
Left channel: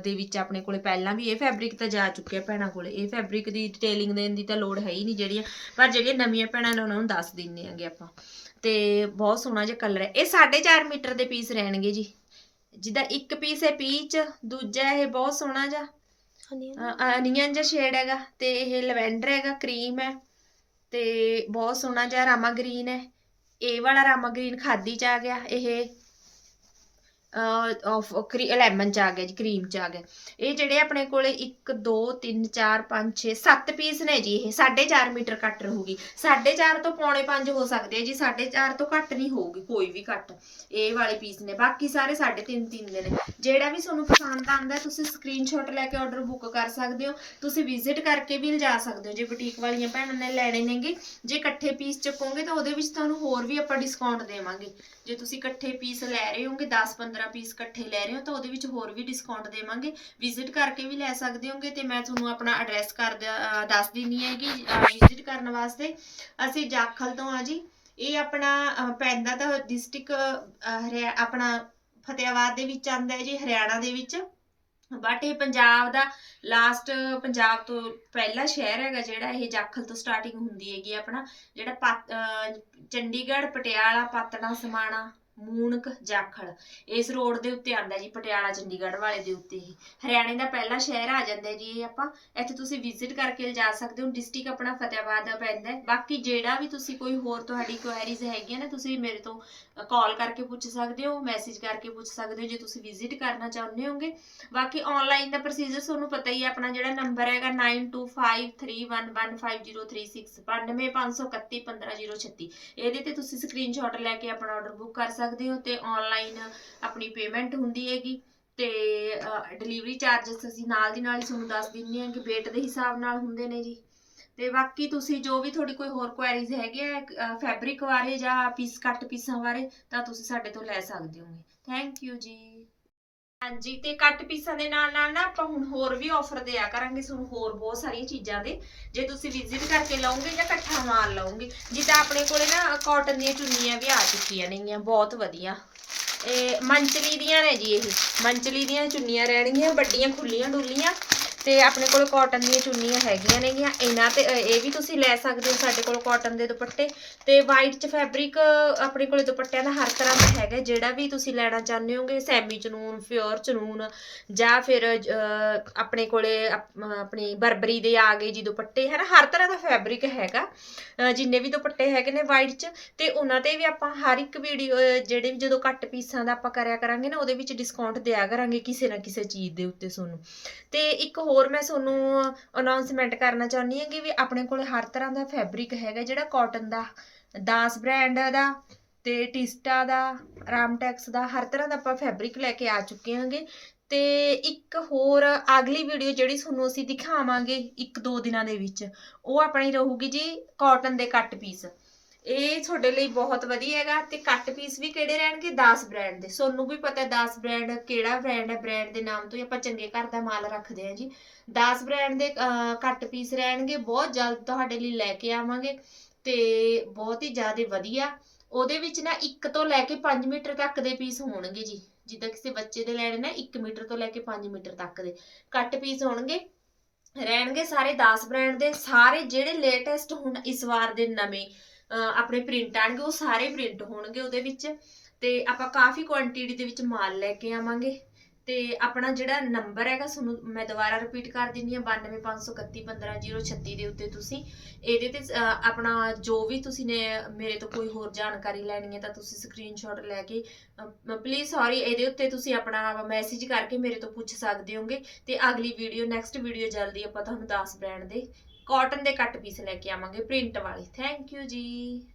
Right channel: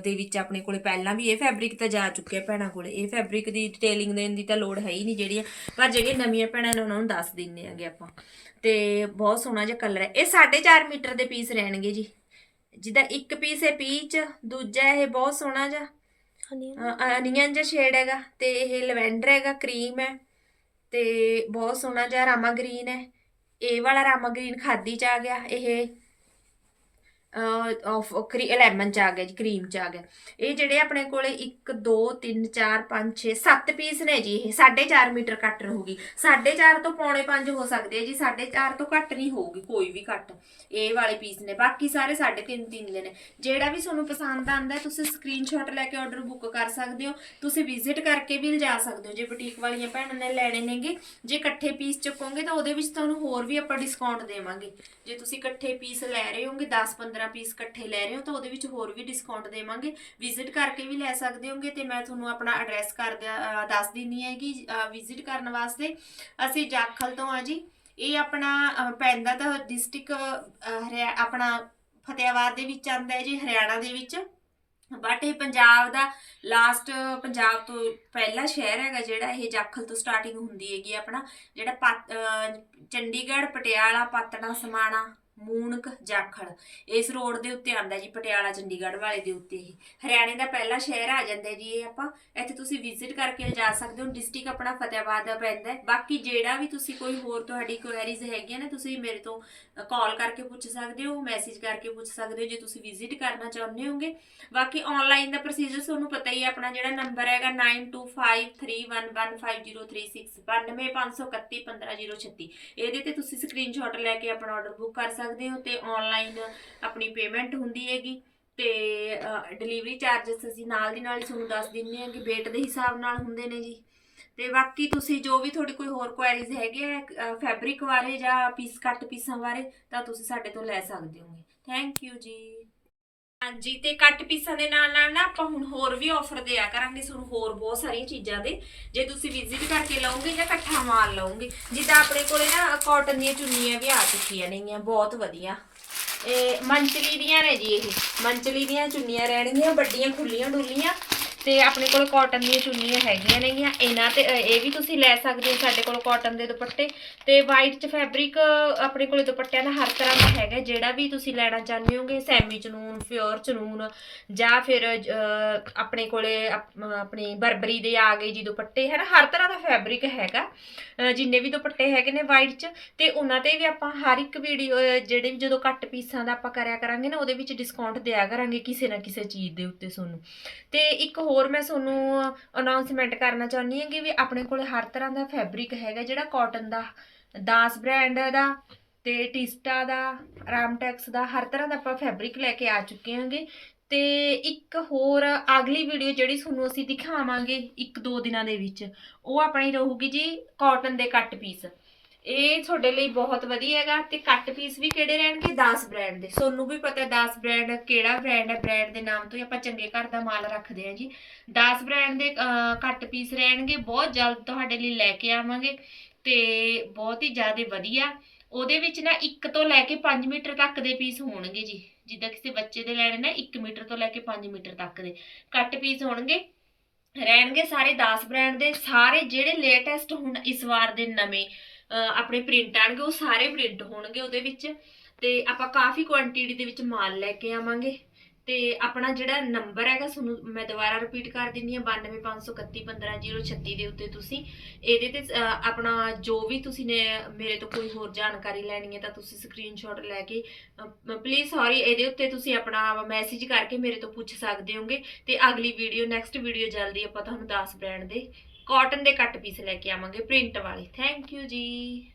ਦੇ ਵਿੱਚ ਆਪਣੇ ਕੋਲੇ ਪਹਿਲਾਂ ਵੀ ਇਹ ਫੈਬਰਿਕ ਤਾਂ ਜਾ ਚੁੱਕਿਆ ਭੈਣਾਂ ਕੋਲੇ। ਇਹ ਫੈਬਰਿਕ ਦੀ ਡਿਟੇਲਿੰਗ ਦੇਣ ਦੀ ਤਾਂ ਲੋੜ ਹੈ ਹੀ ਨਹੀਂ ਜਿਹੜੀਆਂ ਪਰ ਜਿਹੜੇ ਨਵੀਆਂ ਭੈਣਾਂ ਨੇ ਉਹਨਾਂ ਨੂੰ ਦੱਸ ਦਿੰਨੇ ਆਂਗੇ ਆਪਾਂ। ਤੇ ਬਹੁਤ ਸੋਹਣਾ ਜਿਹਾ ਕਲਰ ਹੈ। ਇਹ 4.5 ਮੀਟਰ ਦੇ ਪੀਸ ਰਹਿਣਗੇ ਜੀ। ਜਿਹਦਾ ਇੱਕ ਪੀਸ ਹੈ ਪੀਚ ਦੂਜਾ ਇਹ ਬਹੁਤ ਸੋਹਣਾ ਜਿਹਾ। ਅਨੀਅਨ ਜਿਹਾ ਸ਼ੇਡ ਹੈਗਾ ਤੇ ਇਹ ਲਵੈਂਡਰ ਹੈਗਾ ਕਰੀਮ ਹੈ ਤੇ ਬਹੁਤ ਸੋਹਣਾ ਜਿਹਾ ਰਾਮਾ ਗ੍ਰੀਨ ਹੈ। ਇਹ ਵਾਲਾ ਰਾਮਾ ਗ੍ਰੀਨ ਖਾਦੀ ਚ ਆ ਗਿਆ ਇਹ ਅ ਲੈਮਨ ਚ ਆ ਗਿਆ ਜੀ, ਕਰੀਮ ਚ ਆ ਗਿਆ। ਇਹ ਜਿਹੜੇ ਆਪਣੇ ਕੋਲੇ 1 2 3 4 5 6 7 ਪੀਸ ਨੇ ਜੀ, ਇਹ 4.5 ਮੀਟਰ ਕੱਟ ਰਹੂਗੀ। 4.5 ਤੋਂ ਪੌਣੇ 5 ਹੋ ਸਕਦੇ ਆ ਜੀ 4.5 ਤੋਂ ਘੱਟ ਨਹੀਂ ਹੋਊਗੀ, ਕੋਈ ਵੀ ਘੱਟ। ਇਹ ਵਾਲੇ ਪੀਸ ਨੇ, ਬਾਕੀ ਸਾਰੇ 3.5 3 ਦੇ ਨੇ। ਜਿਹੜਾ ਵੀ ਤੁਹਾਨੂੰ ਪਸੰਦ ਆਂਦਾ, ਤੁਸੀਂ ਸਕਰੀਨਸ਼ਾਟ ਲੈ ਕੇ ਆਰਡਰ ਬੁੱਕ ਕਰ ਸਕਦੇ ਹੋ। ਤੁਸੀਂ ਵਿਜ਼ਿਟ ਕਰਕੇ ਵੀ ਲਿਜਾ ਸਕਦੇ ਹੋ, ਜੇ ਬੁਟੀਕ ਵਾਲੀਆਂ ਭੈਣਾਂ ਨੇ ਲੈਣੇ ਨੇਗੇ। ਜੇ ਇਕੱਠੇ ਪੀਸ ਚੱਕੋਗੇ, ਤਾਂ ਉਹਦੇ ਵਿੱਚ ਤੁਹਾਨੂੰ ਹੋਰ ਵੀ ਆਪਾਂ ਡਿਸਕਾਊਂਟ ਦੇਵਾਂਗੇ। ਜੇ ਤੁਸੀਂ ਇਕੱਠੇ ਪੀਸ ਲੈ ਰਹੇ ਹੋਗੇ 15 ਪੀਸ ਇਕੱਠੇ ਲੈ ਰਹੇ ਹੋ ਤਾਂ ਉਹਦੇ ਵਿੱਚ ਹੋਰ ਵੀ ਡਿਸਕਾਊਂਟ ਦੇਵਾਂਗੇ। ਵਿਜ਼ਿਟ ਕਰਕੇ ਵੀ ਲੈ ਸਕਦੇ ਹੋਗੇ ਤੇ ਮੈਂ ਤੁਹਾਨੂੰ ਆਪਣਾ ਐਡਰੈਸ ਕਰ ਦੱਸ ਦਿੰਨੀ ਹੈ ਕਿ ਵਿਜ਼ਿਟ ਕਰਨ ਵਾਸਤੇ। ਅਸੀਂ ਜਾਖਲ ਤੋਂ ਆ ਜੀ। ਇਹ ਆਪਣਾ ਅਹ, ਪੈਂਦਾ ਤਾਂ ਡਿਸਟ੍ਰਿਕਟ ਆਪਣਾ ਫਤਿਆਬਾਦ ਦੇ ਵਿੱਚ ਆਂਦਾ ਹੈ ਜੀ ਹਰਿਆਣਾ ਦੇ ਵਿੱਚ। ਬਟ ਇਹ ਪੰਜਾਬ ਦਾ ਲਾਸਟ ਪੰਜਾਬ ਤੋਂ ਪਹਿਲਾ ਸ਼ਹਿਰ ਹੈਗਾ ਜਿਹੜਾ ਇਹ ਜਾਖਲ ਤੋਂ ਸਟਾਰਟਿੰਗ ਹੁੰਦੀ ਹੈਗੀ ਆਪਣਾ। ਜਿਹੜਾ ਚੰਡੀਗੜ੍ਹ ਪਟਿਆਲਾ ਪਾਤਣਾ ਸਮਾਣਾ। ਮੂਣਕ ਜਾਖਲ ਇਸ ਰੋਡ ਦੇ ਉੱਤੇ ਆਂਦਾ ਜੀ ਪਟਿਆਲਾ ਚੰਡੀਗੜ੍ਹ ਵਾਲੇ ਦੇ ਉੱਤੇ ਹੀ ਹਰਿਆਣੇ ਦਾ ਪਹਿਲਾ ਸ਼ਹਿਰ ਆ ਜਾਂਦਾ ਜੀ ਇਹ ਆਪਾਂ ਇੱਥੇ ਤੁਸੀਂ ਵਿਜ਼ਿਟ ਕਰਕੇ ਜਾ ਸਕਦੇ ਹੋ ਡਿਸਟ੍ਰਿਕਟ ਆਪਣਾ ਫਤਿਆਬਾਦ ਦਾ ਪੈਂਦਾ ਬਾਕੀ ਜਿਹੜਾ ਵੀ ਤੁਸੀਂ ਕੋਈ ਹੋਰ ਤੁਹਾਡੀ ਕੁਐਰੀਜ਼ ਹੈਗੀਆਂ ਨੇ ਤੁਸੀਂ ਮੇਰੇ ਤੋਂ ਕਾਲ ਕਰਕੇ ਪੁੱਛ ਸਕਦੇ ਹੋ ਮੈਸੇਜ ਕਰਕੇ ਪੁੱਛ ਸਕਦੇ ਹੋ ਜੇ ਤੁਸੀਂ ਵਿਜ਼ਿਟ ਕਰਨਾ ਚਾਹੁੰਦੇ ਹੋਗੇ ਬਾਕੀ ਆਨਲਾਈਨ ਦਾ ਪ੍ਰੋਸੀਜਰ ਤੁਹਾਨੂੰ ਪਤਾ ਹੀ ਹੈ ਆਪਣਾ ਜਿਹੜਾ ਨੰਬਰ ਹੈਗਾ 9253115036 925311536 ਇਹਦੇ ਤੇ ਤੁਸੀਂ ਸਕਰੀਨਸ਼ਾਟ ਲੈ ਕੇ ਆਪਣਾ ਆਰਡਰ ਬੁੱਕ ਕਰ ਸਕਦੇ ਸਕਦੇ ਹੋ ਤੇ ਆਨਲਾਈਨ ਆਪਣੀ ਪੇਮੈਂਟ ਹੁੰਦੀ ਹੈਗੀ ਤੇ ਡਿਲੀਵਰੀ ਚਾਰजेस ਅਸੀਂ ਨਾਲ ਦੀ ਨਾਲ ਹੀ ਤੁਹਾਨੂੰ ਦੱਸ ਦਿੰਦੇ ਹਾਂ ਕਿ weight ਦੇ ਹਿਸਾਬ ਨਾਲ ਹੁੰਦੇ ਨੇ ਜੀ। ਤੇ ਬਾਕੀ ਤੁਸੀਂ ਜੋ ਵੀ ਤੁਹਾਡੀ ਕੋਈ ਹੋਰ ਕੁਐਰੀਜ਼ ਹੈਗੇ ਆ ਫੈਬਰਿਕ ਬਾਰੇ ਜਾਂ ਪੀਸ ਕੱਟ ਪੀਸਾਂ ਬਾਰੇ, ਤਾਂ ਤੁਸੀਂ ਸਾਡੇ ਤੋਂ ਲੈ ਸਕਦੇ ਹੋਗੇ। ਥੈਂਕ ਯੂ ਜੀ। ਹਾਂਜੀ, ਤੇ ਕੱਟ ਪੀਸਾਂ ਦੇ ਨਾਲ ਨਾਲ ਨਾ ਆਪਾਂ ਹੁਣ ਹੋਰ ਵੀ ਆਫਰ ਦਿਆ ਕਰਾਂਗੇ ਤੁਹਾਨੂੰ ਹੋਰ ਬਹੁਤ ਸਾਰੀਆਂ ਚੀਜ਼ਾਂ ਦੇ। ਜੇ ਤੁਸੀਂ ਵਿਜ਼ਿਟ ਕਰਕੇ ਲਓਗੇ ਜਾਂ ਇਕੱਠਾ ਮਾਲ ਲਓਗੇ, ਜਿੱਦਾਂ ਆਪਣੇ ਕੋਲੇ ਨਾ ਕਾਟਨ ਦੀਆਂ ਚੁੰਨੀਆਂ ਵੀ ਆ ਚੁੱਕੀਆਂ ਨੇਗੀਆਂ, ਬਹੁਤ ਵਧੀਆ। ਇਹ ਮੰਚਲੀ ਦੀਆਂ ਨੇ ਜੀ ਇਹ, ਮੰਚਲੀ ਦੀਆਂ ਚੁੰਨੀਆਂ ਰਹਿਣਗੀਆਂ, ਵੱਡੀਆਂ ਖੁੱਲੀਆਂ ਡੁੱਲੀਆਂ। ਤੇ ਆਪਣੇ ਕੋਲ ਕਾਟਨ ਦੀਆਂ ਚੁੰਨੀਆਂ ਹੈਗੀਆਂ ਨੇਗੀਆਂ। ਇਹਨਾਂ ਤੇ ਇਹ ਵੀ ਤੁਸੀਂ ਲੈ ਸਕਦੇ ਹੋ ਸਾਡੇ ਕੋਲ ਕਾਟਨ ਦੇ ਦੁਪੱਟੇ। ਤੇ ਵਾਈਟ ਚ ਫੈਬਰਿਕ ਆਪਣੇ ਕੋਲ ਦੁਪੱਟਿਆਂ ਦਾ ਹਰ ਤਰ੍ਹਾਂ ਦਾ ਹੈਗਾ। ਜਿਹੜਾ ਵੀ ਤੁਸੀਂ ਲੈਣਾ ਚਾਹੁੰਦੇ ਹੋਗੇ ਸੈਮੀ ਚਨੂਨ ਪਿਓਰ ਚਨੂਨ, ਜਾਂ ਫਿਰ ਆਪਣੇ ਕੋਲੇ, ਅਪ- ਆਪਣੀ ਬਰਬਰੀ ਦੇ ਆ ਗਏ ਜੀ ਦੁਪੱਟੇ ਹੈ ਨਾ ਹਰ ਤਰ੍ਹਾਂ ਦਾ ਫੈਬਰਿਕ ਹੈਗਾ। ਜਿੰਨੇ ਵੀ ਦੁਪੱਟੇ ਹੈਗੇ ਨੇ ਵਾਈਟ ਚ। ਤੇ ਉਹਨਾਂ ਤੇ ਵੀ ਆਪਾਂ ਹਰ ਇੱਕ ਵੀਡੀਓ ਜਿਹੜੇ ਜਦੋਂ ਘੱਟ ਪੀਸਾਂ ਦਾ ਆਪਾਂ ਕਰਿਆ ਕਰਾਂਗੇ ਨਾ, ਉਹਦੇ ਵਿੱਚ ਡਿਸਕਾਊਂਟ ਦਿਆ ਕਰਾਂਗੇ ਕਿਸੇ ਨਾ ਕਿਸੇ ਚੀਜ਼ ਦੇ ਉੱਤੇ ਤੁਹਾਨੂੰ। ਤੇ ਇੱਕ ਹੋਰ ਮੈਂ ਤੁਹਾਨੂੰ ਅਨਾਉਂਸਮੈਂਟ ਕਰਨਾ ਚਾਹੁੰਦੀ ਹਾਂ ਕਿ ਵੀ ਆਪਣੇ ਕੋਲ ਹਰ ਤਰ੍ਹਾਂ ਦਾ ਫੈਬਰਿਕ ਹੈਗਾ ਜਿਹੜਾ ਕਾਟਨ ਦਾ, ਦਾਸ ਬ੍ਰਾਂਡ ਦਾ ਤੇ ਟਿਸਟਾ ਦਾ, ਰਾਮਟੈਕਸ ਦਾ, ਹਰ ਤਰ੍ਹਾਂ ਦਾ ਆਪਾਂ ਫੈਬਰਿਕ ਲੈ ਕੇ ਆ ਚੁੱਕੇ ਹਾਂਗੇ। ਤੇ ਇੱਕ ਹੋਰ ਅਗਲੀ ਵੀਡੀਓ ਜਿਹੜੀ ਤੁਹਾਨੂੰ ਅਸੀਂ ਦਿਖਾਵਾਂਗੇ ਇੱਕ ਦੋ ਦਿਨਾਂ ਦੇ ਵਿੱਚ, ਉਹ ਆਪਣੀ ਰਹੂਗੀ ਜੀ ਕਾਟਨ ਦੇ ਕੱਟ ਪੀਸ ਇਹ ਤੁਹਾਡੇ ਲਈ ਬਹੁਤ ਵਧੀਆ ਹੈਗਾ ਤੇ ਕੱਟ ਪੀਸ ਵੀ ਕਿਹੜੇ ਰਹਿਣਗੇ? 10 ਬ੍ਰਾਂਡ ਦੇ। ਸੋਨੂੰ ਵੀ ਪਤਾ 10 ਬ੍ਰਾਂਡ ਕਿਹੜਾ ਬ੍ਰਾਂਡ ਹੈ? ਬ੍ਰਾਂਡ ਦੇ ਨਾਮ ਤੋਂ ਹੀ ਆਪਾਂ ਚੰਗੇ ਘਰ ਦਾ ਮਾਲ ਰੱਖਦੇ ਹਾਂ ਜੀ। 10 ਬ੍ਰਾਂਡ ਦੇ ਕੱਟ ਪੀਸ ਰਹਿਣਗੇ, ਬਹੁਤ ਜਲਦ ਤੁਹਾਡੇ ਲਈ ਲੈ ਕੇ ਆਵਾਂਗੇ ਤੇ ਬਹੁਤ ਹੀ ਜ਼ਿਆਦਾ ਵਧੀਆ। ਉਹਦੇ ਵਿੱਚ ਨਾ 1 ਤੋਂ ਲੈ ਕੇ 5 ਮੀਟਰ ਤੱਕ ਦੇ ਪੀਸ ਹੋਣਗੇ ਜੀ। ਜਿੱਦਾਂ ਕਿਸੇ ਬੱਚੇ ਦੇ ਲੈਣੇ ਨਾ 1 ਮੀਟਰ ਤੋਂ ਲੈ ਕੇ 5 ਮੀਟਰ ਤੱਕ ਦੇ। ਕੱਟ ਪੀਸ ਹੋਣਗੇ। ਰਹਿਣਗੇ ਸਾਰੇ 10 ਬ੍ਰਾਂਡ ਦੇ। ਸਾਰੇ ਜਿਹੜੇ ਲੇਟੈਸਟ ਹੁਣ ਇਸ ਵਾਰ ਦੇ ਨਵੇਂ ਆਪਣੇ ਪ੍ਰਿੰਟ ਆਣਗੇ, ਉਹ ਸਾਰੇ ਪ੍ਰਿੰਟ ਹੋਣਗੇ ਉਹਦੇ ਵਿੱਚ। ਤੇ ਆਪਾਂ ਕਾਫੀ ਕੁਆਂਟੀਟੀ ਦੇ ਵਿੱਚ ਮਾਲ ਲੈ ਕੇ ਆਵਾਂਗੇ। ਤੇ ਆਪਣਾ ਜਿਹੜਾ ਨੰਬਰ ਹੈਗਾ, ਤੁਹਾਨੂੰ ਮੈਂ ਦੁਬਾਰਾ ਰਿਪੀਟ ਕਰ ਦਿੰਦੀ ਹਾਂ 9253315036 ਦੇ ਉੱਤੇ ਤੁਸੀਂ ਇਹਦੇ ਤੇ ਆਪਣਾ ਜੋ ਵੀ ਤੁਸੀਂ ਨੇ ਮੇਰੇ ਤੋਂ ਕੋਈ ਹੋਰ ਜਾਣਕਾਰੀ ਲੈਣੀ ਹੈ ਤਾਂ ਤੁਸੀਂ ਸਕਰੀਨਸ਼ਾਟ ਲੈ ਕੇ ਪਲੀਜ਼ ਸੌਰੀ ਇਹਦੇ ਉੱਤੇ ਤੁਸੀਂ ਆਪਣਾ ਮੈਸੇਜ ਕਰਕੇ ਮੇਰੇ ਤੋਂ ਪੁੱਛ ਸਕਦੇ ਹੋਗੇ। ਤੇ ਅਗਲੀ ਵੀਡੀਓ ਨੈਕਸਟ ਵੀਡੀਓ ਜਲਦੀ ਆਪਾਂ ਤੁਹਾਨੂੰ 10 ਬ੍ਰਾਂਡ ਦੇ। ਕਾਟਨ ਦੇ ਕੱਟ ਪੀਸ ਲੈ ਕੇ ਆਵਾਂਗੇ ਪ੍ਰਿੰਟ ਵਾਲੇ। ਥੈਂਕ ਯੂ ਜੀ।